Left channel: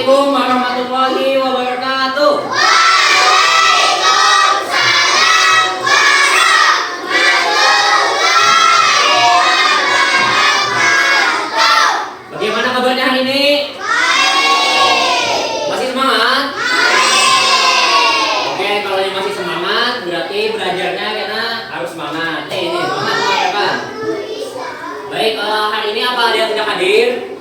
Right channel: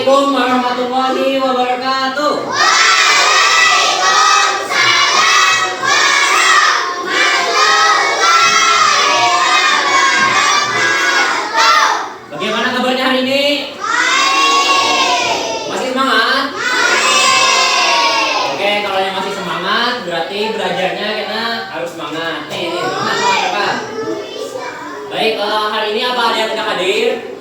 Assalamualaikum warahmatullahi wabarakatuh. Bagaimana kabarnya hari ini? Masih semangat? Oke, kalau yang masih semangat berarti belajarnya karena harus semangat. Ini semangat apa? Baik, hari ini apa ada yang tidak hadir?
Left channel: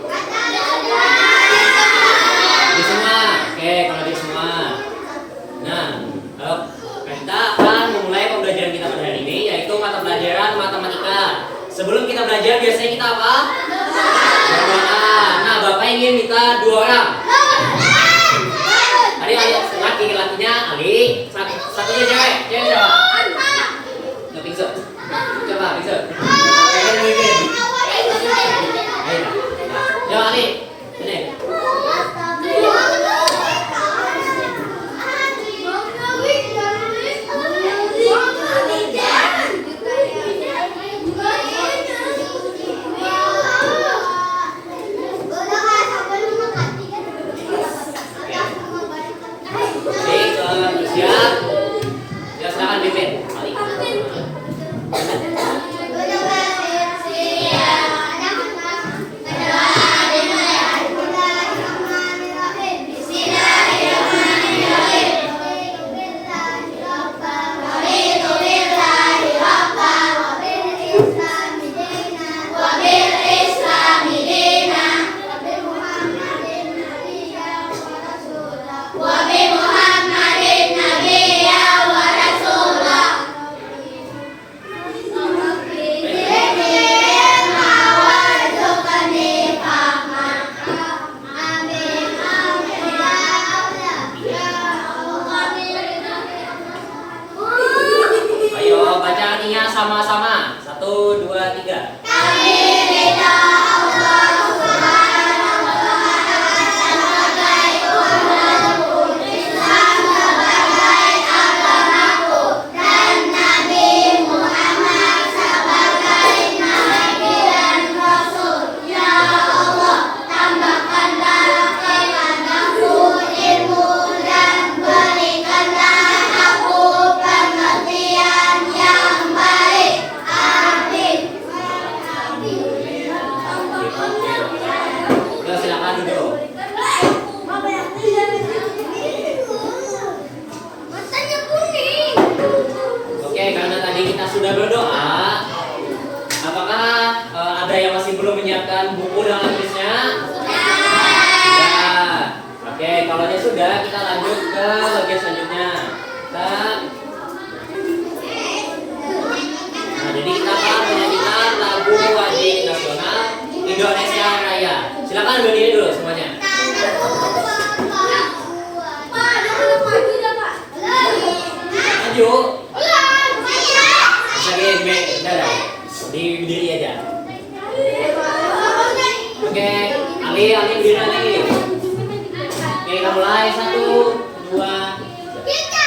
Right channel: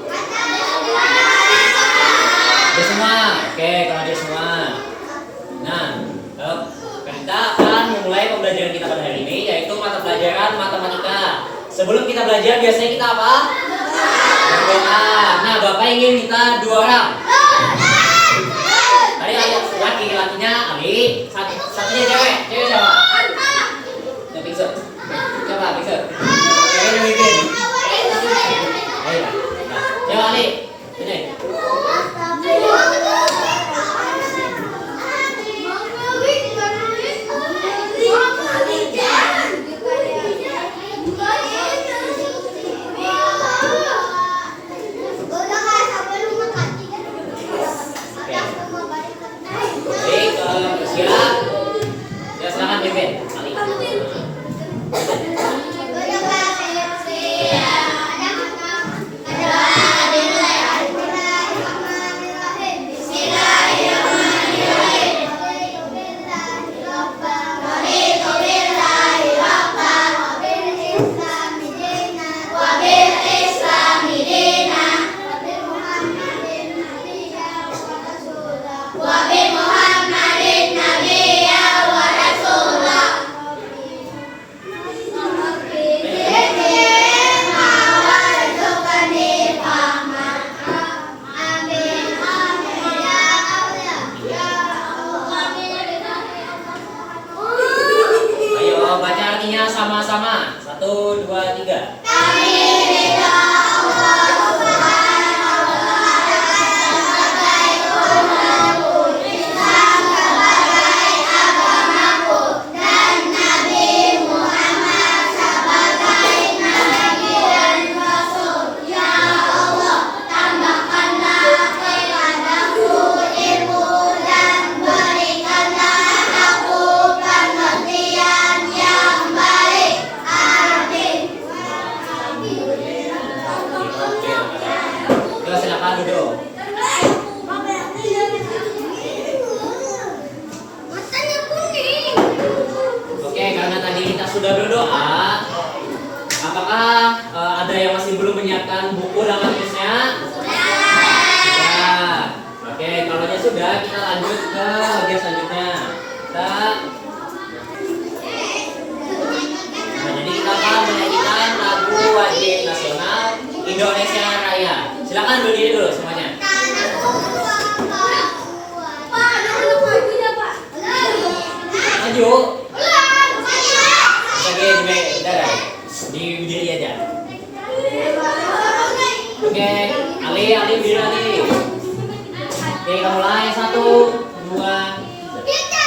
Ada semua. Oke, kalau ada semua. Nah, kita akan memulai pembelajaran kita pada hari ini, yaitu mata pelajaran matematika. Sebelum kita belajar biasanya kita apa? Berdoa. Nah, Bapak ingin minta 2 orang. Tadi laki-lakinya Ali, satunya cewek. Cewek siapa? Nggak Biksu. Coba Biksu. Cewek yang bikin. Coba Ali. Ini. Siap. Ya silakan pimpin. Ali. Sama-sama. 1, 2, 3. Sudah berdoa, apakah ada yang masih belum menyiapkan buku dan tulisnya? Sudah. Oke, kalau dia sudah, kita lanjut ke bagian selanjutnya. Jadi kita akan menyanyikan lagu wajib nasional Indonesia Raya. Silakan berdiri dulu semuanya. Maju. Di diri aja. Oke, Ali berdiri Ali. Oke, kita mulai 1, 2, 3.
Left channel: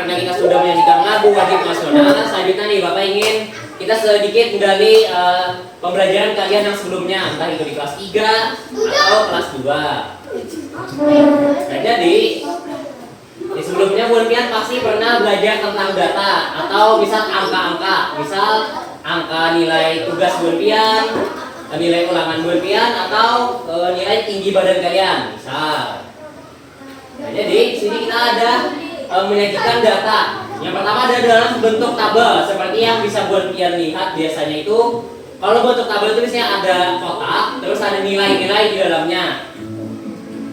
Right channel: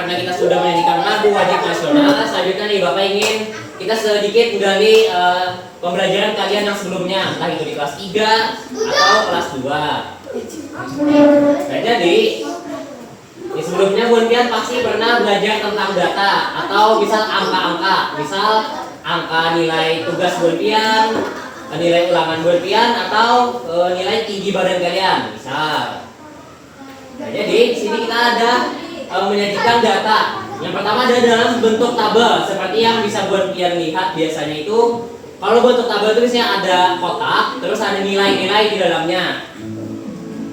karena kita sudah menyanyikan lagu wajib nasional, selanjutnya nih Bapak ingin kita sedikit menggali pembelajaran kalian yang sebelumnya, entah itu di kelas 3 atau kelas 2. Nah, jadi di sebelumnya Buan pasti pernah belajar tentang data atau misal angka-angka, misal angka nilai tugas Buan, nilai ulangan Buan atau nilai tinggi badan kalian, misal. Nah, jadi di sini kita ada menyajikan data. Yang pertama ada dalam bentuk tabel, seperti yang bisa Buan lihat biasanya itu. Kalau bentuk tabel itu biasanya ada kotak, terus ada nilai-nilai di dalamnya.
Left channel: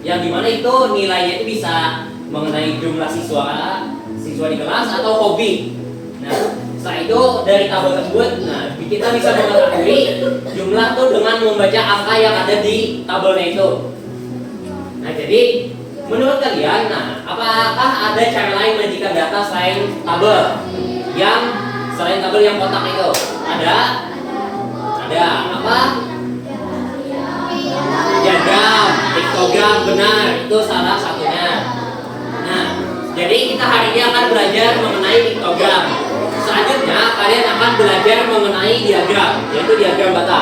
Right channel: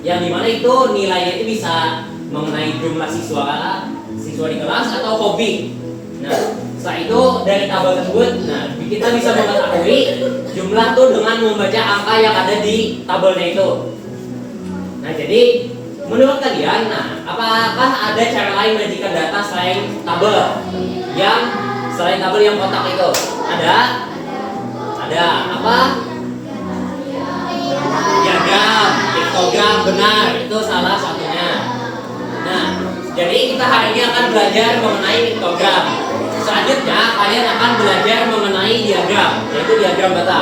Yang dimana itu nilainya itu bisa mengenai jumlah siswa di kelas atau hobi. Nah, setelah itu dari tabel tersebut, nah kita bisa mengetahui jumlah tuh dengan membaca angka yang ada di tabelnya itu. Nah, jadi menurut kalian, nah apakah ada cara lain menyajikan data selain tabel yang kotak itu? Ada apa? Diagram, piktogram, benar, itu salah satunya. Nah, jadi kita hari ini akan belajar mengenai piktogram. Selanjutnya kalian akan belajar mengenai diagram, yaitu diagram data.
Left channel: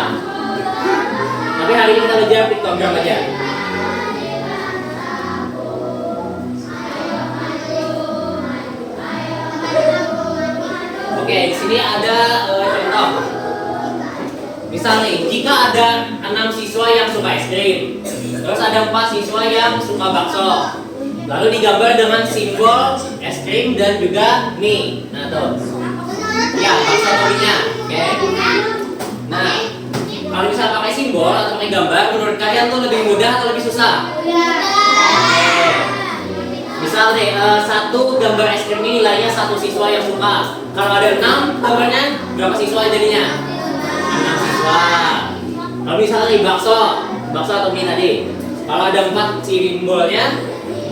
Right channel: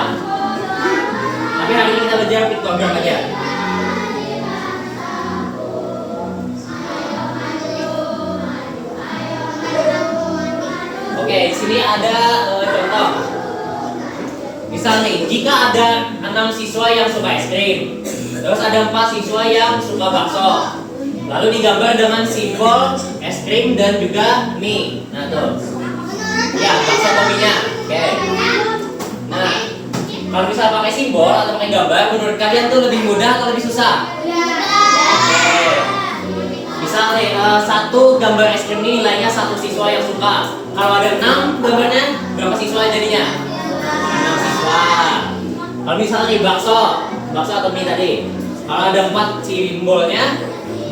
Tapi hari ini kita belajar piktogram aja. Oke, di sini ada contoh. Misal nih, jika ada 6 siswa yang suka es krim, terus ada 4 siswa yang suka bakso, lalu digambar dengan simbol es krim dan juga mie. Nah tuh, ya bakso atau mie-nya. Oke. Nah, kalau misal pakai simbol atau pakai gambar, menurut kalian tuh lebih mudah atau lebih susah? Oke. Misal nih, satu gambar es krim ini nilainya 1 siswa yang suka. Kalau ada 6 gambarnya, berapa siswa jadinya? 6 siswa. Kalau misalnya nih bakso atau mie tadi, kalau ada 4 simbolnya,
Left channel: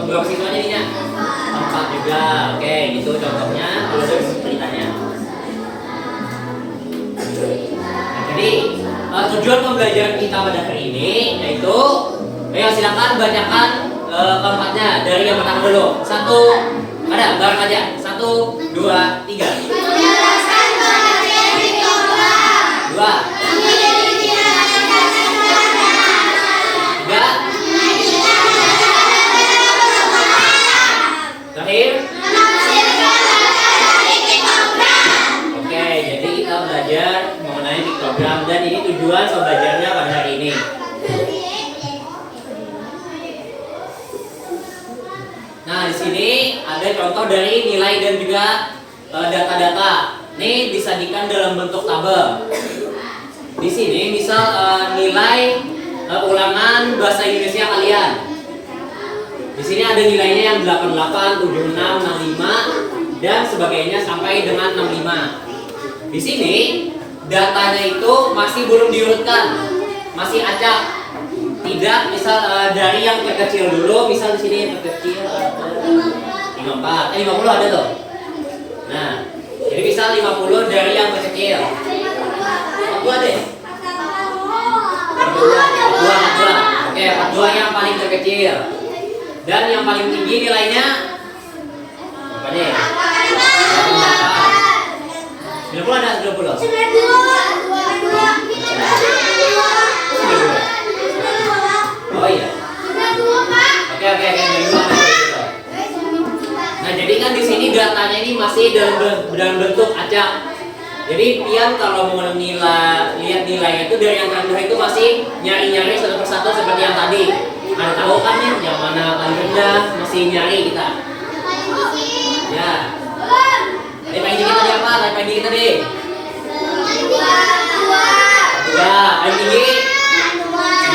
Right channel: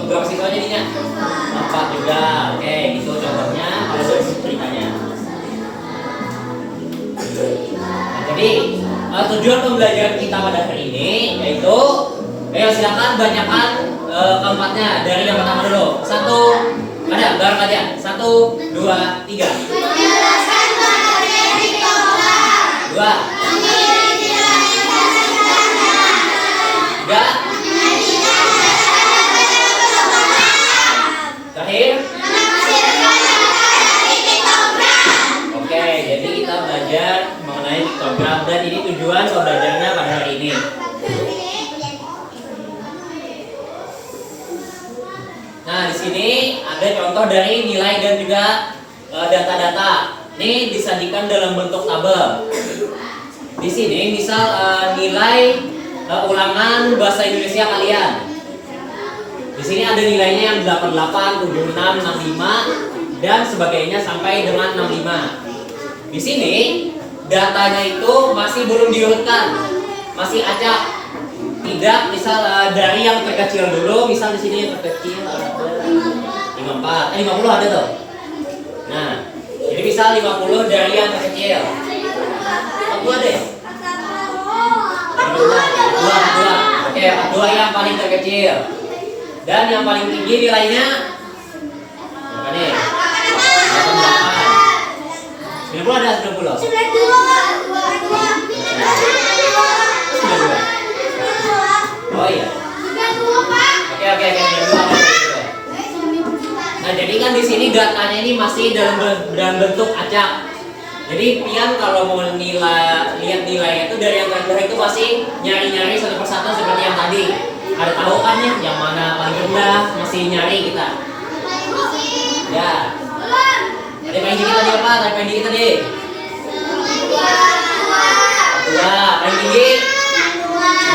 berapa siswa jadinya? 4 juga. Oke, gitu contohnya. Kalau dari ceritanya. Nah, jadi tujuan pembelajaran kita pada hari ini yaitu, silakan bacakan keempatnya dari yang pertama dulu. Satu, ada bareng aja. 1, 2, 3. 2. 3. Terakhir. Oke, jadi kita belajar mengenai piktogram dan ini tujuan belajarnya pada hari ini. Nah, di sini ada contoh dari nilai dan juga data-data. Ini disajikan dalam bentuk tabel. Di sini misal nilai ulangan bahasa Indonesia kalian. Di sini ada nilainya yang 88, 76, 65 dan sebagainya sampai dengan 65. Di sini datanya itu masih belum diurutkan, masih acak. Tidak, misal dari yang terkecil dulu, misal di sini yang terkecil ada 54, 50 ada tuh. Nah, jadi misal 50 dari yang terkecil. 42 deh. 42. Oke, 42 yang paling terkecil. Dan yang paling tinggi nilainya berapa nih? 88. 90 ada 90. 92. Oh iya. Oke. Nah, jadi kan di sini datanya ini masih dalam bentuk acak. Jadi pian kalau mau lihat nilainya itu dari yang terendah itu masih nyari satu persatu seperti yang tadi. Ada tahu kan nih yang mana paling rendah, masih nyari kita. Ya. Tadi paling tinggi tadi apa? Tadi paling tinggi tadi. Ya, paling tinggi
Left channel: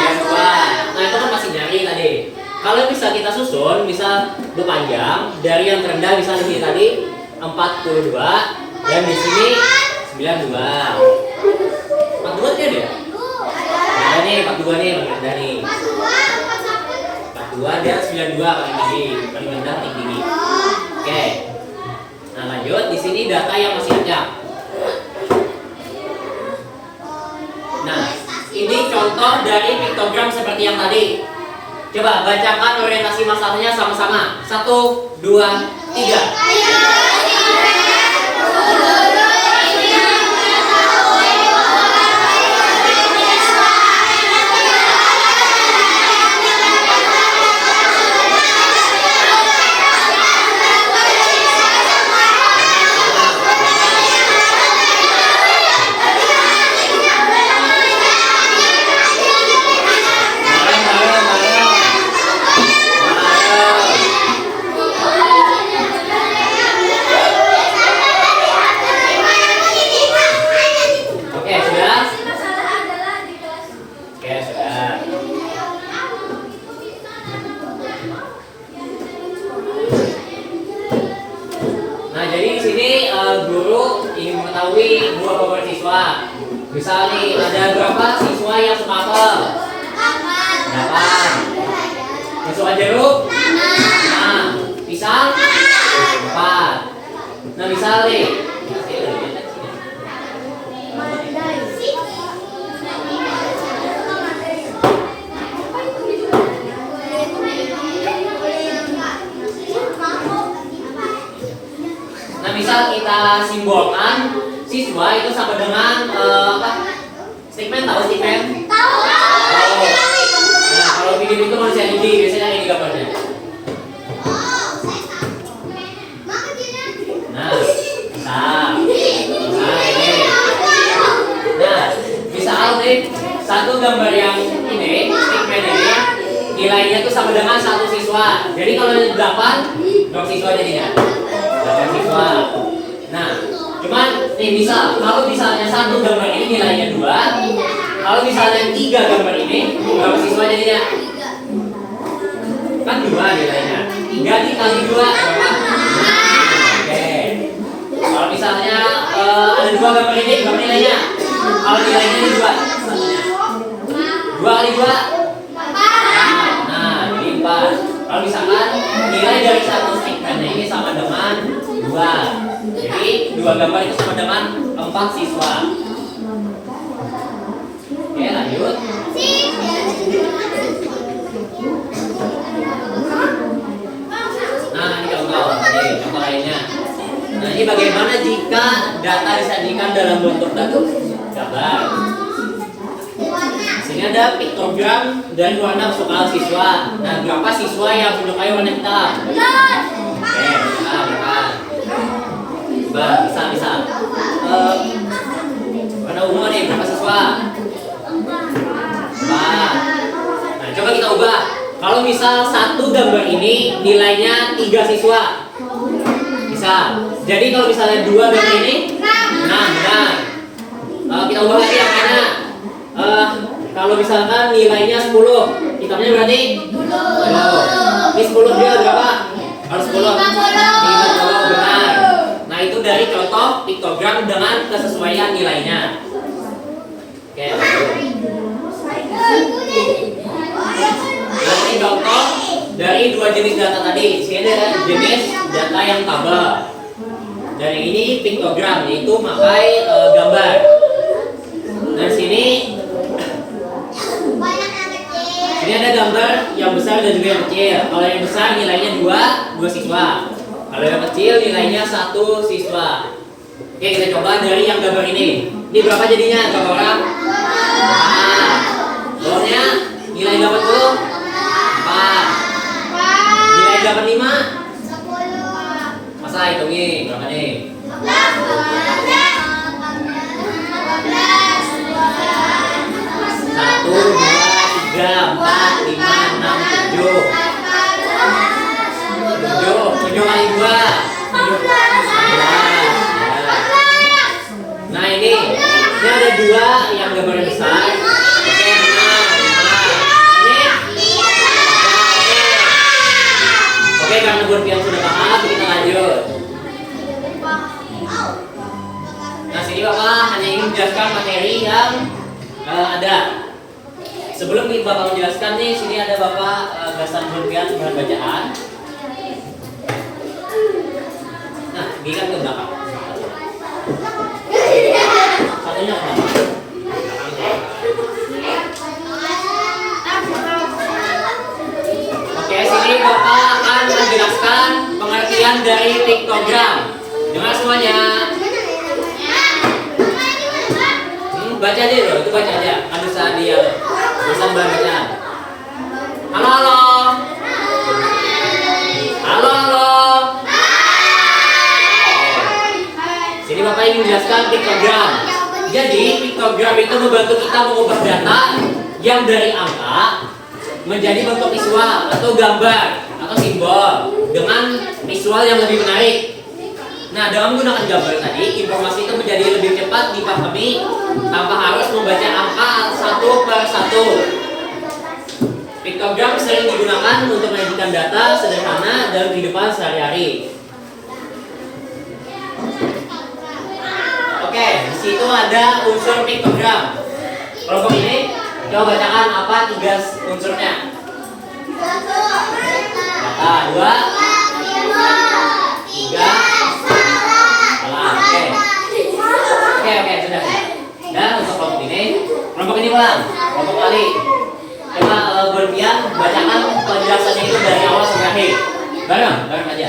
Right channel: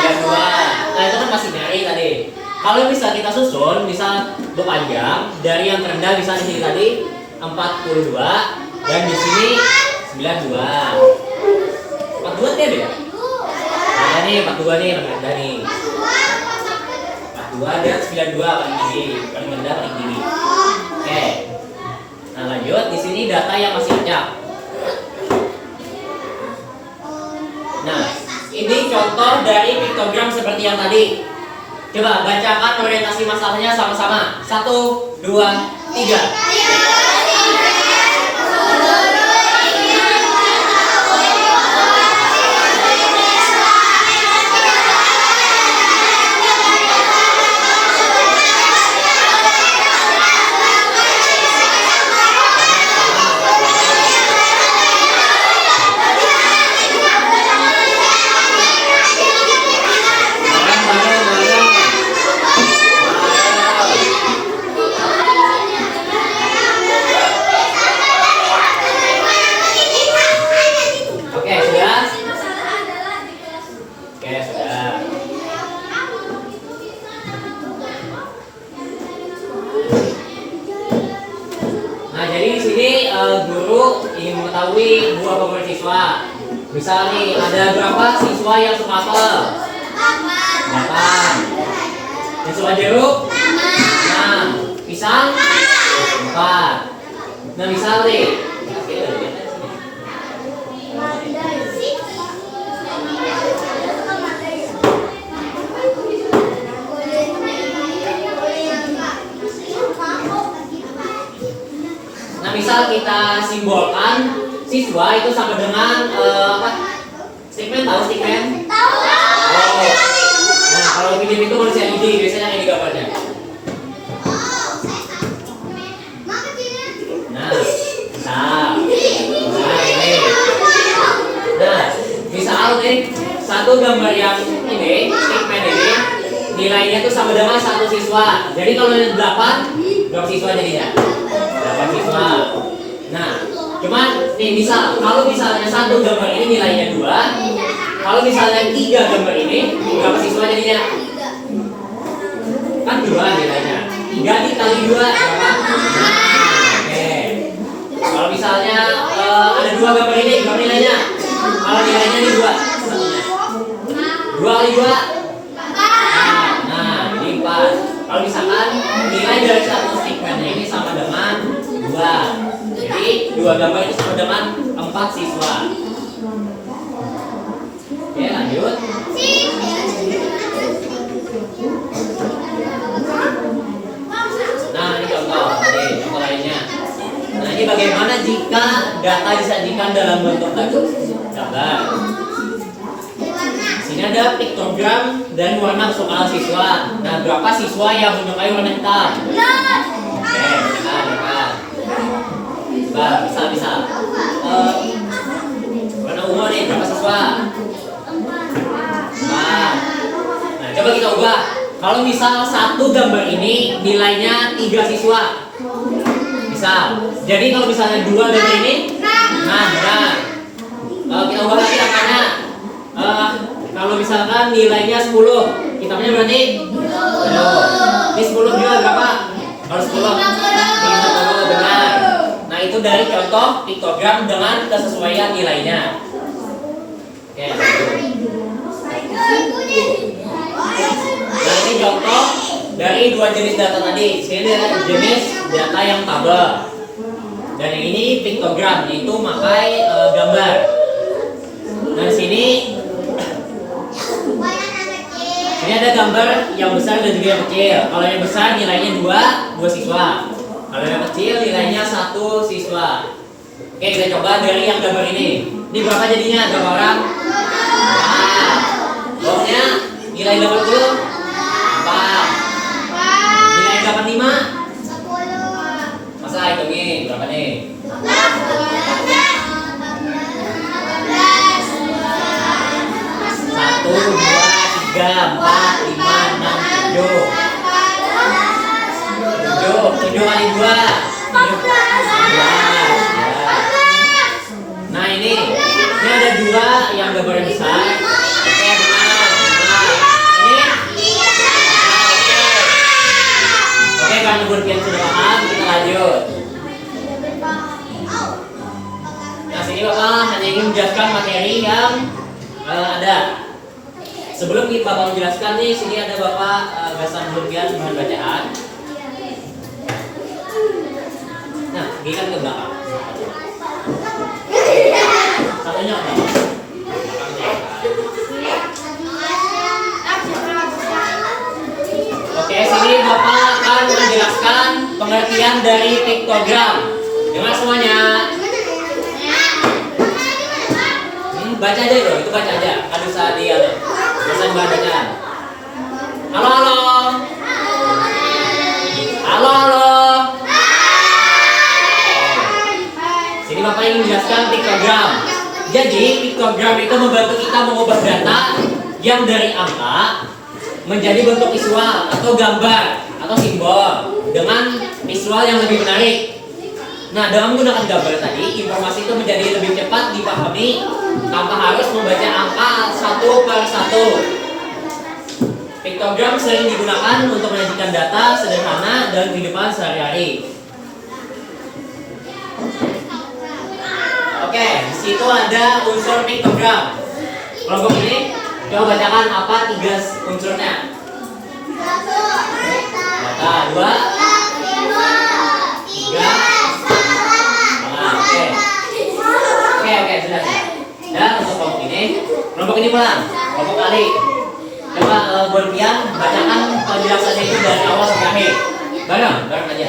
92. Nah, itu kan masih nyari tadi. Kalau bisa kita susun, misal berpanjang dari yang terendah, misal di sini tadi 42 dan di sini 92. 42 kan ya? Nah, nih 42 nih rendah nih. 42 dan 92 paling tinggi, paling rendah paling tinggi. Oke. Nah, lanjut di sini data yang masih acak. Nah, ini contoh dari piktogram seperti yang tadi. Coba bacakan orientasi masalahnya sama-sama. 1, 2, 3. Nah, jadi di sini guru ingin mengetahui buah beberapa siswa. Misal nih, ada berapa siswa yang suka apel? 8. Yang suka jeruk? 6. Pisang? 4. Nah, misal nih, misal kita simbolkan siswa itu sama dengan apa? Stickman, tahu stickman? Tahu. Oh. Nah, kalau video itu manusia gigi, biasanya ini gambarnya. Nah, ini. Nah, misal nih satu gambar yang ini, stickman ini, nilainya itu sama dengan 1 siswa. Jadi kalau ada 8, berapa siswa jadinya? 8 siswa. Nah, cuman nih misal kalau misalnya satu gambar ini nilainya 2, kalau misalnya 3 gambar ini berapa siswa jadinya? Kan 2 nilainya. 3 dikali 2 berapa? Oke. Kalau misalnya ada 2 gambar ini berapa nilainya? Kalau nilainya ini 2. 2 kali 2? Nah, ini 4. Kalau misalkan nilai dari satu stickmannya ini sama dengan 2, jadi 2 gambar itu sama dengan 4 siswa. Oke, lanjut. Nah, ini contoh lainnya. Nah, ini bagaimana jika data disajikan dalam bentuk gambar. Sini ada piktogram dan warna kesukaan siswa. Nah, berapa siswa yang menyukai warna hitam? Oke, benar. Bisa. Warna ungu nih, berapa siswa? 4. Nah, coba kita ubah. Kalau misal satu gambar ini nilainya 3 siswa, bisa. Jadi kalau misalnya 2 gambar ini, nah benar. Kita ubah lagi angkanya. Kalau misalkan nilainya 10, hitamnya berarti 10. Ini 10 juga berapa? Kalau 10 50, benar. Nah, itu dari contoh piktogram dengan kesesuaian nilainya. Oke, lanjut. Nah, ini contoh dari 2 jenis data tadi. Sini ada jenis data yang tabel. Dan ini piktogram, yaitu pakai gambar. Nah, sini ada gambar yang besar dan juga yang kecil. Kalau yang besar nilainya 2 siswa. Kalau yang kecil nilainya 1 siswa. Oke, kita coba dari yang gambar ini. Ini berapa jadinya? Berapa orang? 4. Bawahnya nilai 80? 4. Nilai 85? 10. Masa hitungin berapa nih? 1, 2, 3, 4, 5, 6, 7. 7 kali 2 14. Nah, ini ada 2 yang gambarnya besar. Oke, benar. Ini oke, karena buat sudah paham, kita lanjut. Nah, sini Bapak hanya ingin menjelaskan materi yang ada. Sebelum kita bakal menjelaskan nih, sini ada Bapak Gasan Jurbian dengan bacaan. Nah, gini ke belakang. Satunya apa? Oke, sini Bapak akan menjelaskan pengertian dari piktogram. Dengar semuanya. Baca aja bro, itu baca aja. Kan bisa di pesan bahan bacaan. Halo. Sini Bapak ingin menjelaskan piktogram. Jadi piktogram itu membantu kita mengubah data yang dari angka menjadi bentuk visual atau gambar atau simbol dengan visual yang lebih menarik. Nah, dengan menggunakan gambar tadi, informasi itu menjadi lebih cepat dipahami tanpa harus membaca angka satu per satu. Piktogram sering digunakan untuk menyajikan data sederhana dalam kehidupan sehari-hari. situ ada unsur piktogram. Kelompok ini coba bacakan apa 3 unsurnya. Data 2, 3. Oke, sudah. Dan untuk kelompok ini pulang. Kelompok kali. Coba Bonpian bacakan penjelasannya itu dari awal sampai akhir. Bareng aja.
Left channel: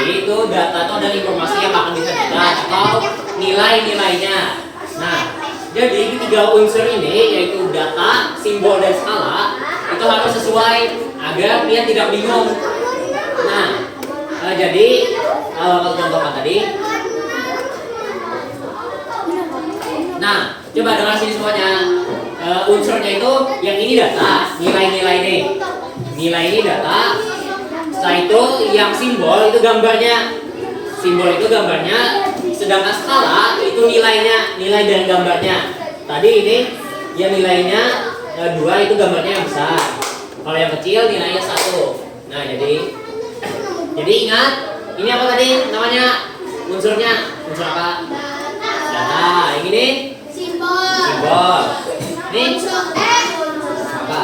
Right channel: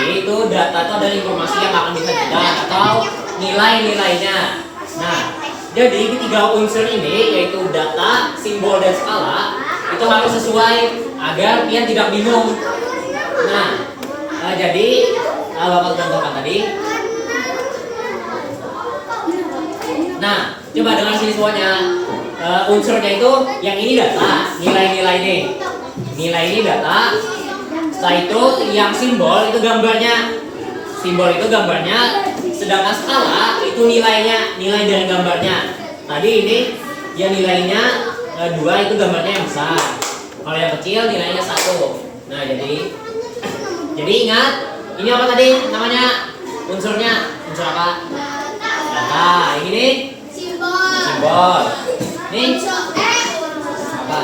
Itu data itu adalah informasi yang akan disajikan atau nilai-nilainya. Nah, jadi 3 unsur ini yaitu data, simbol, dan skala itu harus sesuai agar kalian tidak bingung. Nah, jadi kalau contohkan tadi. Nah, coba dengar sini semuanya. Unsurnya itu yang ini data, nilai-nilai ini. Nilai ini data. Setelah itu yang simbol itu gambarnya. Simbol itu gambarnya, sedangkan skala itu nilainya, nilai dan gambarnya. Tadi ini dia nilainya 2 itu gambarnya yang besar. Kalau yang kecil nilainya 1. Nah, jadi ingat, ini apa tadi namanya? Unsurnya, unsur apa? Data. Yang ini simbol. Ini apa?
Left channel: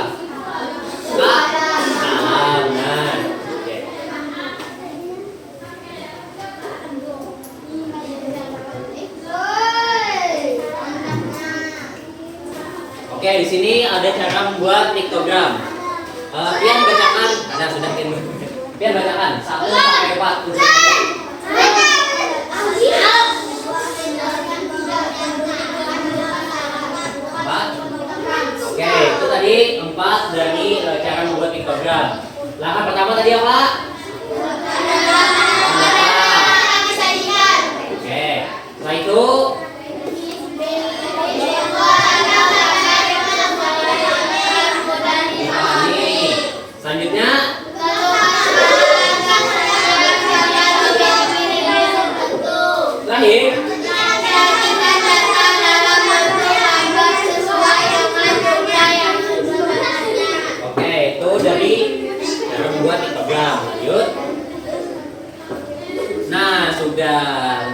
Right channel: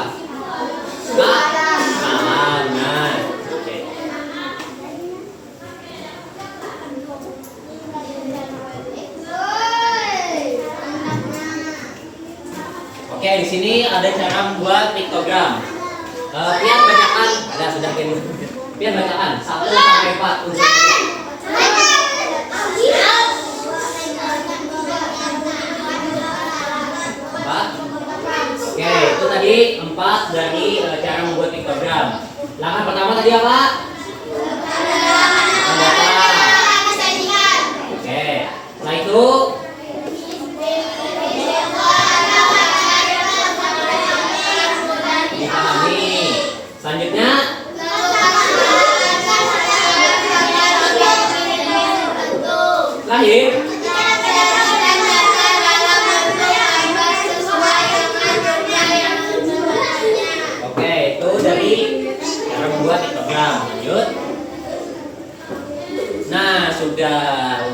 Oke, di sini ada cara membuat piktogram. Pian bacakan. Ada sudah Pian bacakan 1 sampai 4 unsurnya. Oke, itu tadi 4 dari cara membuat piktogram. Langkah pertama tadi apa? Data. Oke, setelah itu selanjutnya lahir. Oke, itu dari membuat piktogram. Lanjut. Nah, sudah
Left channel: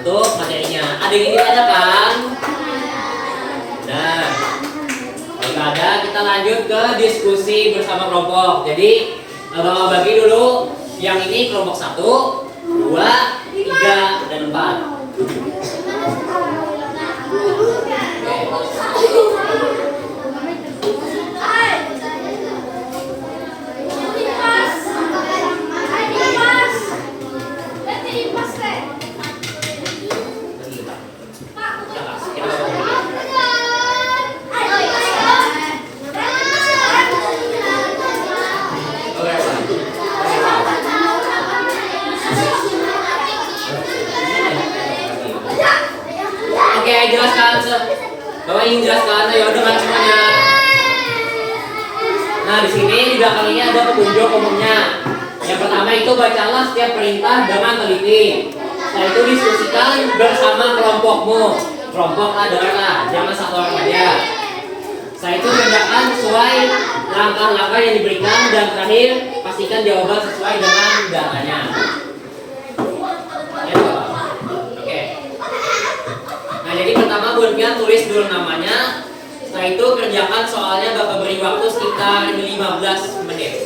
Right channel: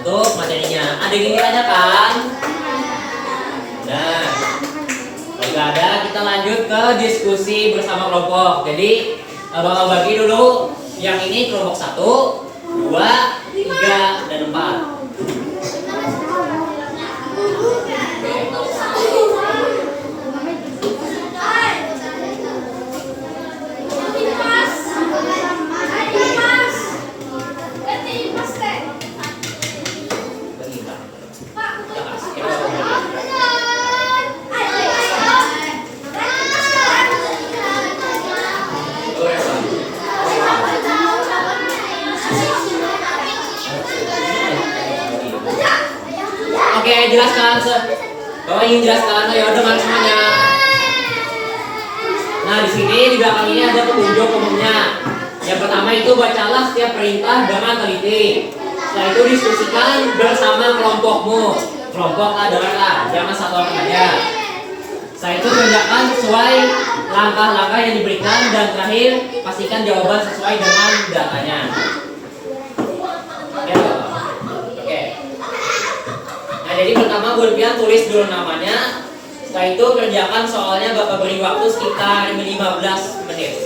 untuk materinya. Ada ini aja kan? Nah, kalau ada, kita lanjut ke diskusi bersama kelompok. Jadi Bapak bagi dulu yang ini kelompok 1, 2, 3, dan 4. Oke, jelaskan. Bapak ingin jelaskan, ayo dengar semuanya. Nah, di sini di belakangnya ada petunjuk umumnya. Yang pertama itu bacalah setiap perintah dengan teliti. Setelah itu diskusikan bersama kelompokmu. Kelompok adalah jangan satu orang aja. Setelah itu kerjakan sesuai langkah-langkah yang diberikan dan terakhir pastikan jawaban sesuai dengan datanya. Nah, jadi pertama Bonpian tulis dulu namanya. Setelah itu kerjakan soalnya Bapak beri waktu sekitar 15 menit.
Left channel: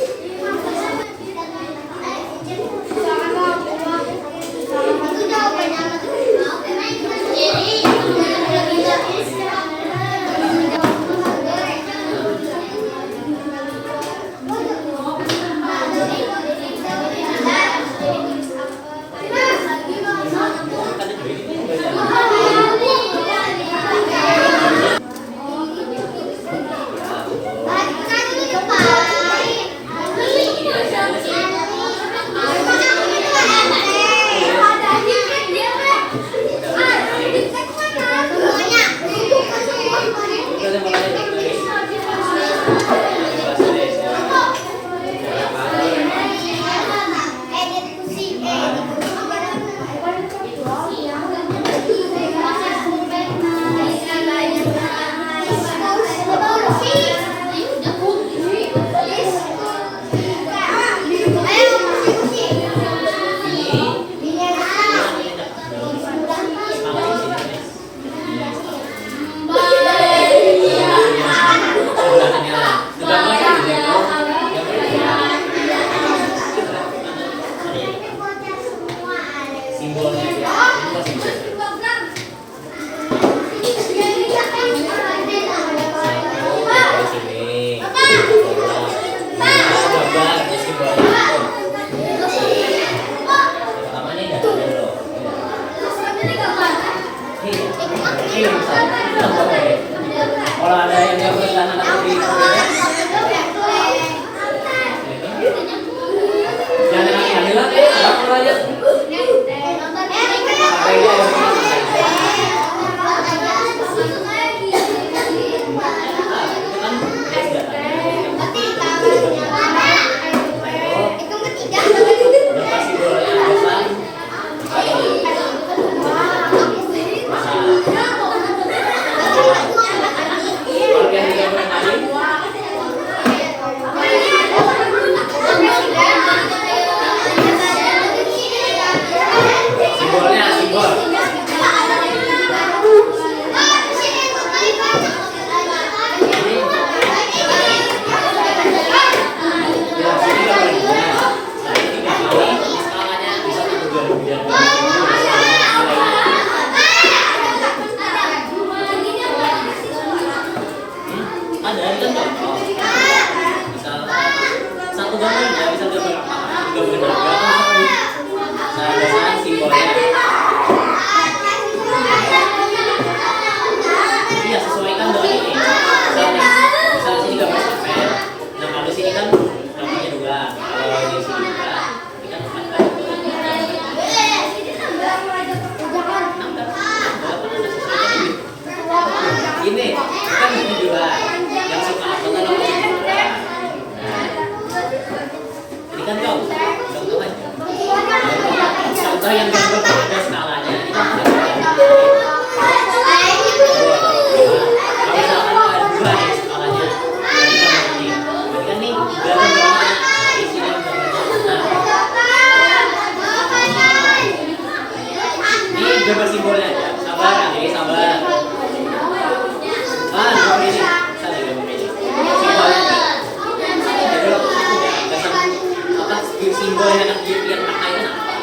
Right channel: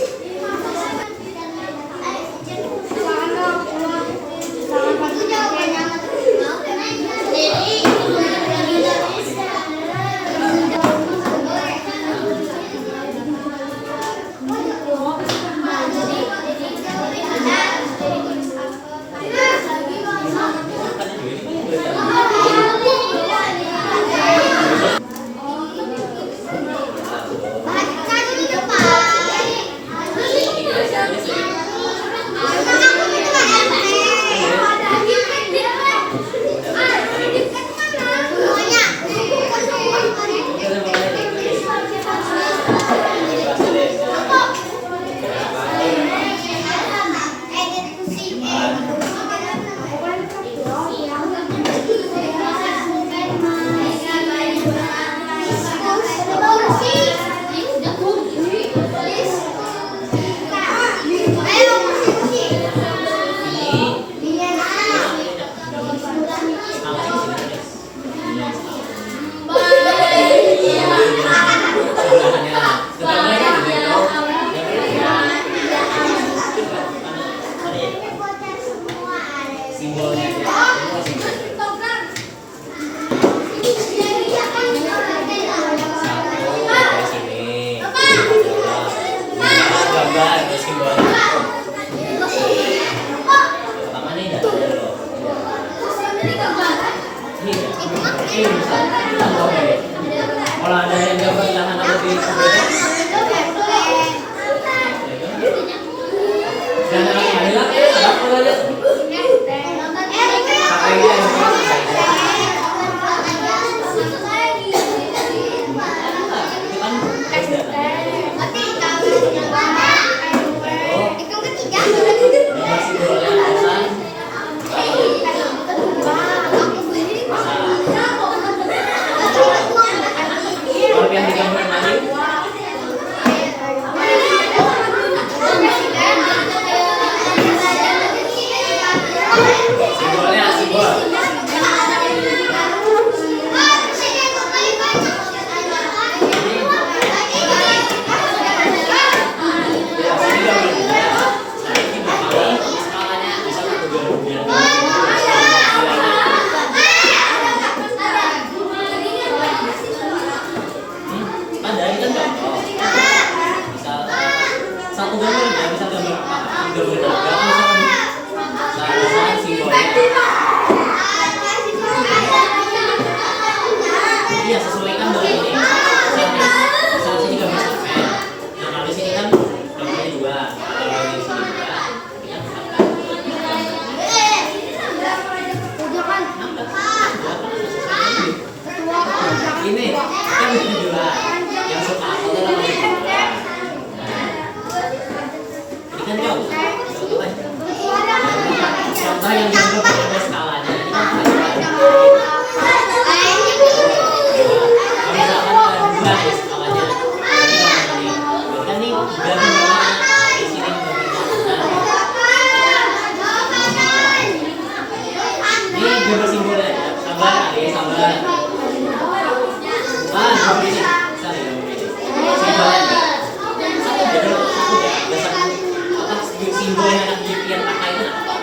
Apa simbol? Dari sini. Gambar simbolnya. Pertama nih nggak ada loh. Ini bisa. Kalau ada yang gambar tangan atau di jangan hilang ya, apa aja. Simbolnya simbol. Ada ini kan contoh. Bisa satu gambar ya, bisa gambar apa? Gambar apa? Saya simbolnya. Iya, sesuaikan dengan ini. Misalnya sini gambar cerpen. Nah, kalau di sini kan gambarnya dua. Kalau di sini juga, ini kan empat kan. Ini kan ini dua. Yang suka apa tuh namanya dua. Ini kan contoh aja. Contoh yang gambar ada skalanya. Ini kan gambar simbolnya aja. Sabar, adik, sabar. Gambar ini. Saling gambar ini. Simbolnya aja. Jadi aku udah satu apa simbol yang anak yang pakai itu apa?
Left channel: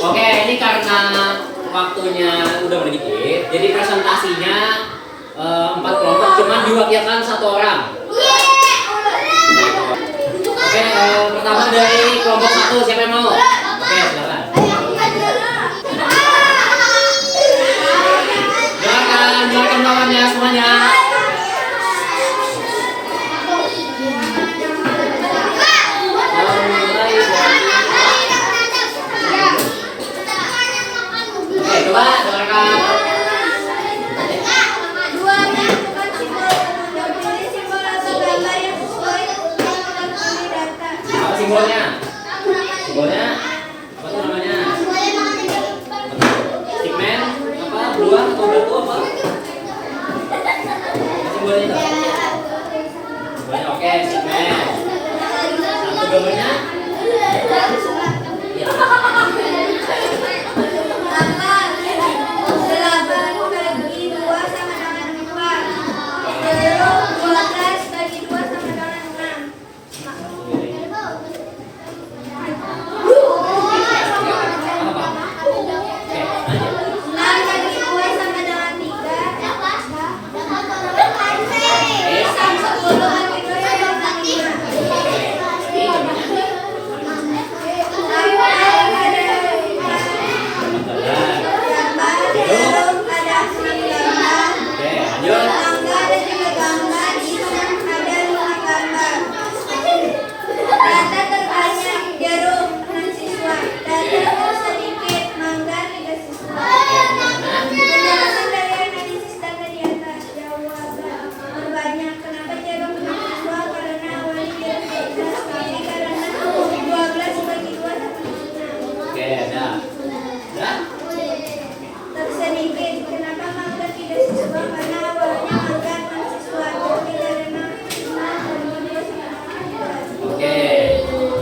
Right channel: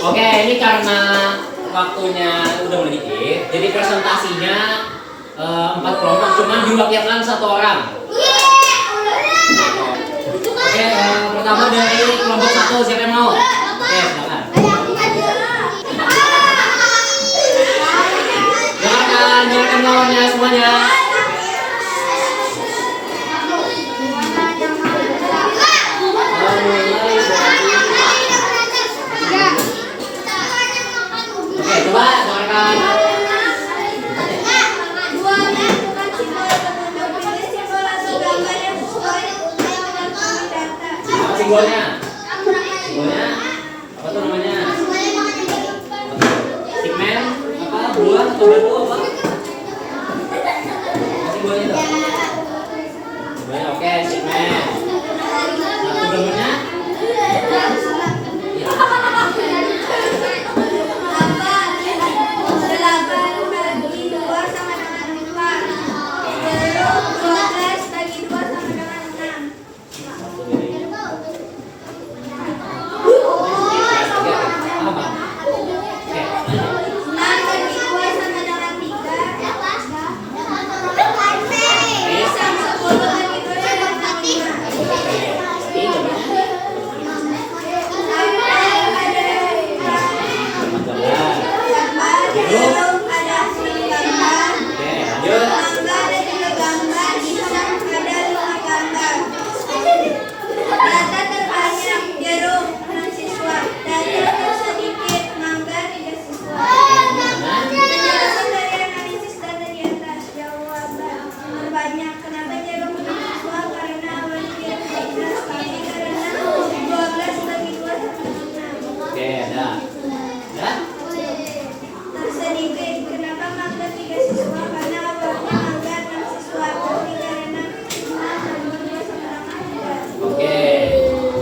Oke, ini karena waktunya udah sedikit, jadi presentasinya 4 kelompok, cuma diwakilkan 1 orang. Oke, pertama dari kelompok 1, siapa yang mau? Oke, silakan. Silakan lawannya semuanya. Coba dengarkan. Apa simbolnya? Simbolnya apa tuh namanya? Stickman apa? Buah atau batu apa? Simbolnya itu? Simbolnya oke, stickman. Satu gambarnya? Ya.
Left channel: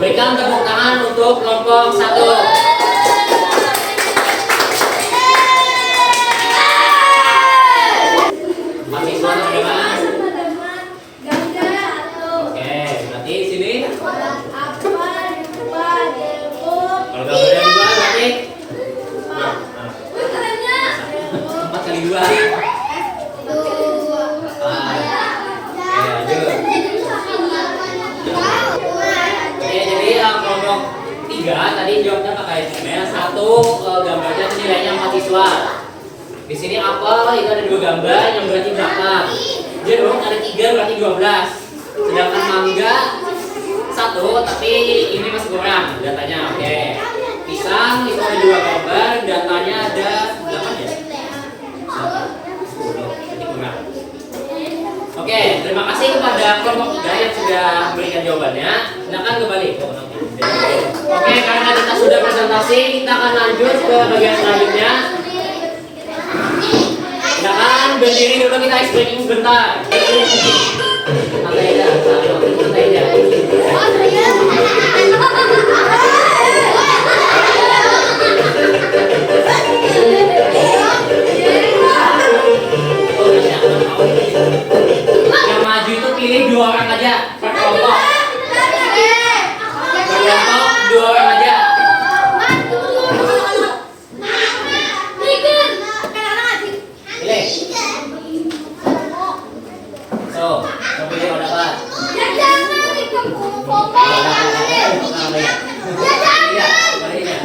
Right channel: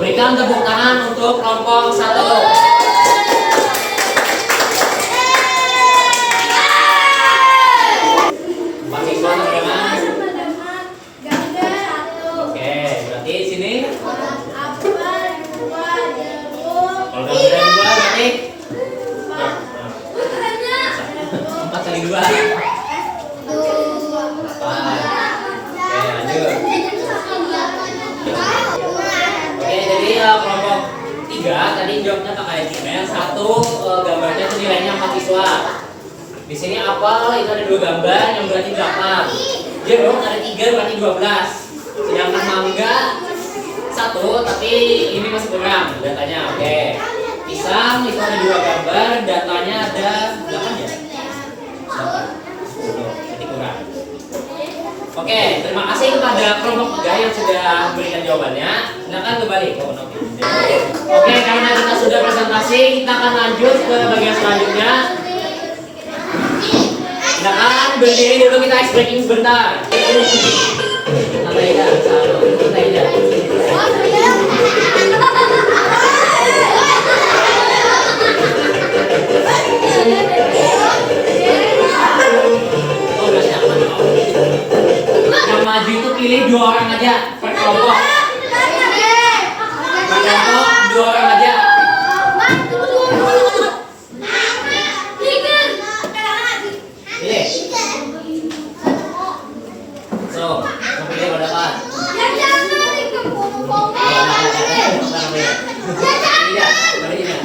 Berikan tepuk tangan untuk kelompok 1. Mahasiswa nomor mas. Oke, berarti di sini. Kalau gambar dari 2 berarti 4 kali 2. Kelompok 3 tadi jawabnya pakai email. 1 gambarnya itu nilainya 4 siswa. Di sini apel itu ada 2 gambar yang berarti 8. Jeruk ada 3 berarti 12. Sedangkan mangga 1 tapi ini masih kurang datanya. Oke. Pisang itu ada 2 gambar, datanya ada 8 ya? 10. Jadi kurang. Oke, terima kasih kepada kelompok 3 yang sudah memberikan jawabannya. Silakan kembali. Oke, karena kita sudah presentasi, kita akan lanjut ke bagian selanjutnya. Silakan berdiri dulu, kita ice breaking sebentar. Santai aja, santai aja. Yang maju itu pilih 2 orang aja per kelompok. Per kelompok 2 orang aja. Pilih. So, pilih udah dapat. Iya, balik ya.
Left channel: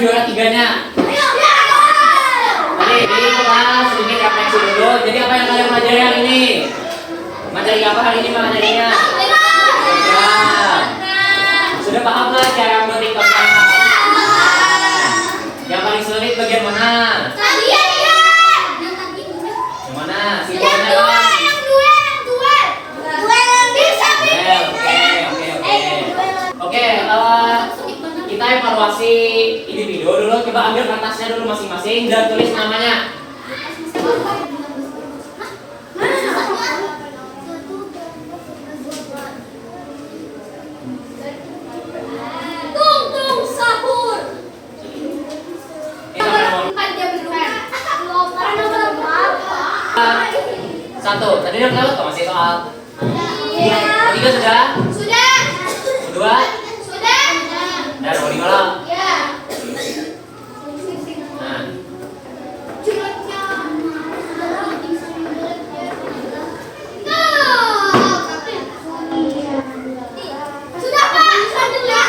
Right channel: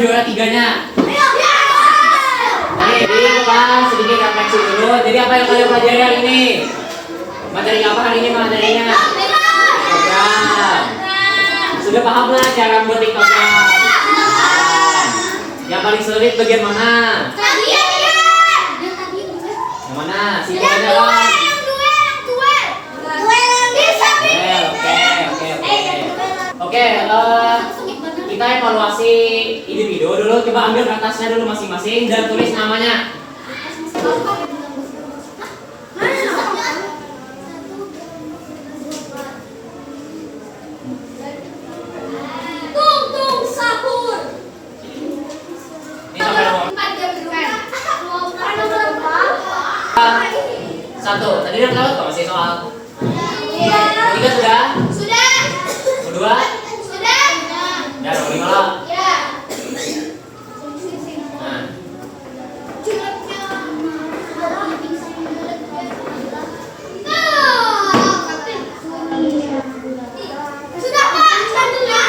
Juara 3-nya. Jadi kita sedikit refleksi dulu. Jadi apa yang kalian pelajari hari ini? Materi apa hari ini materinya? Program. Sudah paham lah cara membuat program? Yang paling sulit bagian mana? Yang mana? Simpelnya kan? Oke, kita evaluasi individu dulu. Coba ambil kertasnya dulu masing-masing dan tulis namanya. Tung sahur. Ini sampai satu. Tadi udah tahu kok masih soal. Tiga sudah? Sudah. Kedua? Sudah. Ya, nomor 5 lah. Ya. Nah. Sudah Pak, satu ya.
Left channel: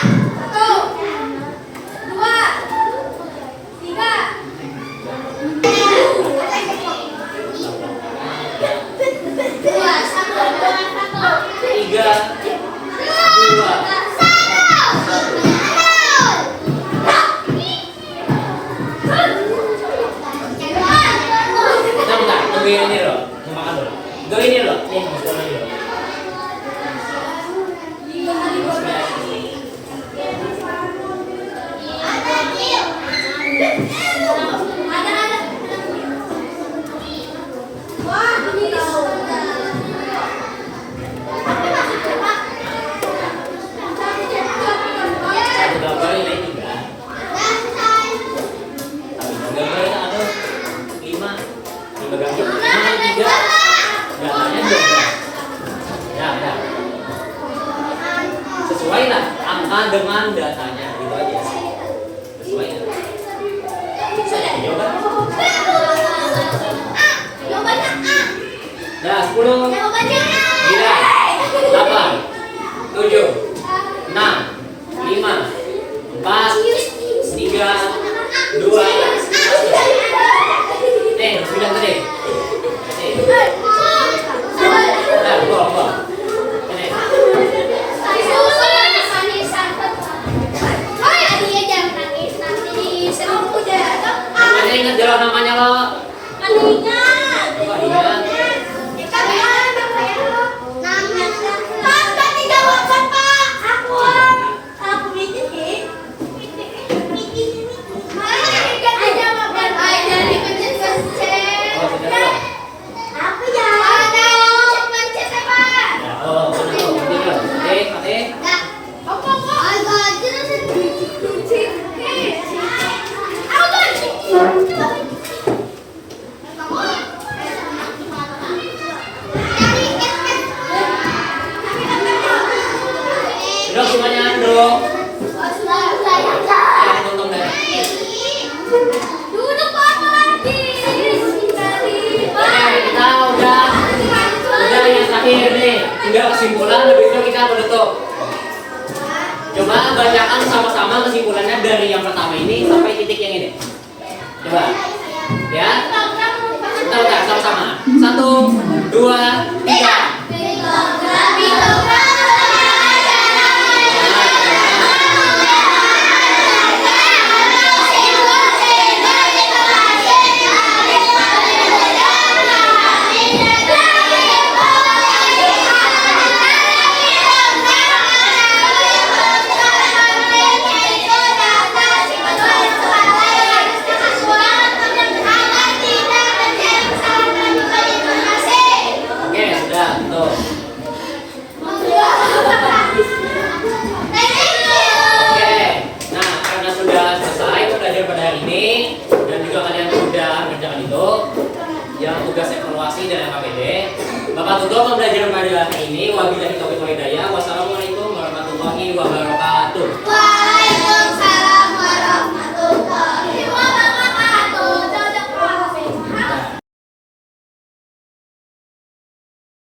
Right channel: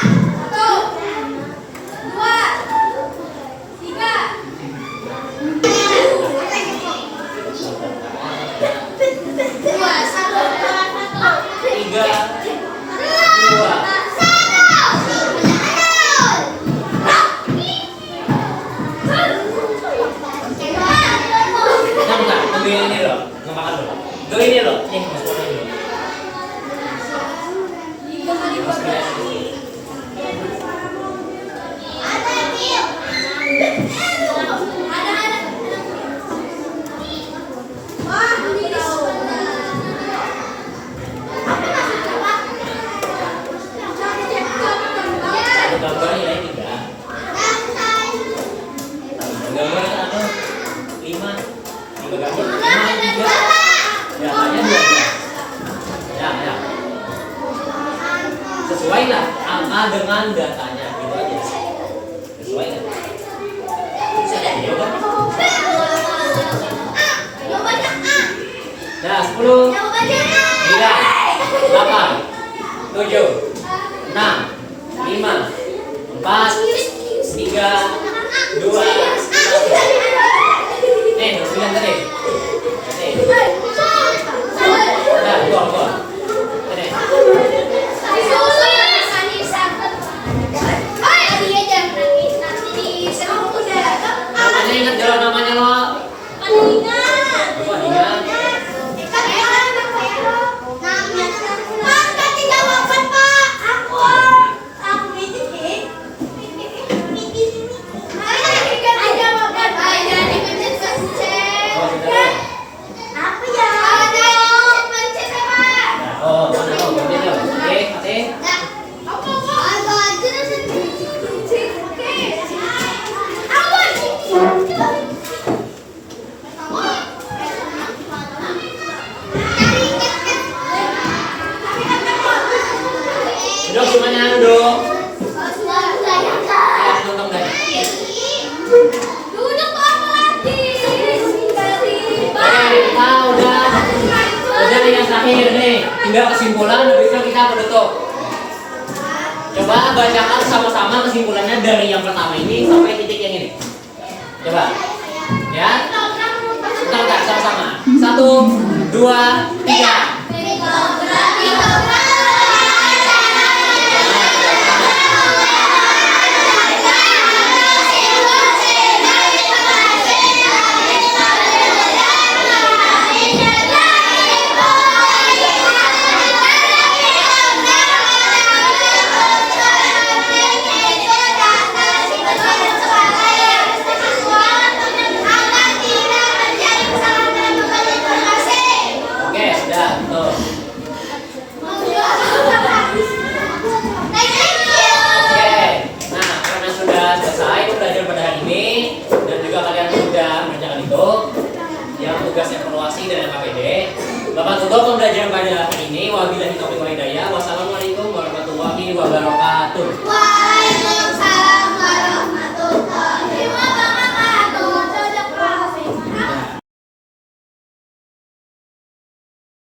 2. Bentar, tunggu ini loh, mau makan dulu. Tunggu ini loh, nih mau makan dulu. Satu gambar nilai 3. Gambar anu 5 gambar 5 3. Datanya 12. Ya. Sesuai lah angka dengan datanya, gitu aja. Sesuai kan? Jawaban. Nah, 10 9 8 7 6 5 4 3 terakhir nih, tinggal kesimpulan, habis itu kita menutup. Coba bacakan sama-sama kesimpulannya dari yang pertama ini sampai titik yang ini. Coba, ya. Bentar, sama-sama. 1, 2, 3. Oke, sudah. Tuh. Oke, nah karena sudah selesai belajar pada hari ini dan juga kalian sudah mengerjakan itu yang tugas evaluasi dan KPD, Bapak tutup pembelajaran pada hari ini. Wabillahi taufiq wal hidayah. Wassalamualaikum warahmatullahi wabarakatuh.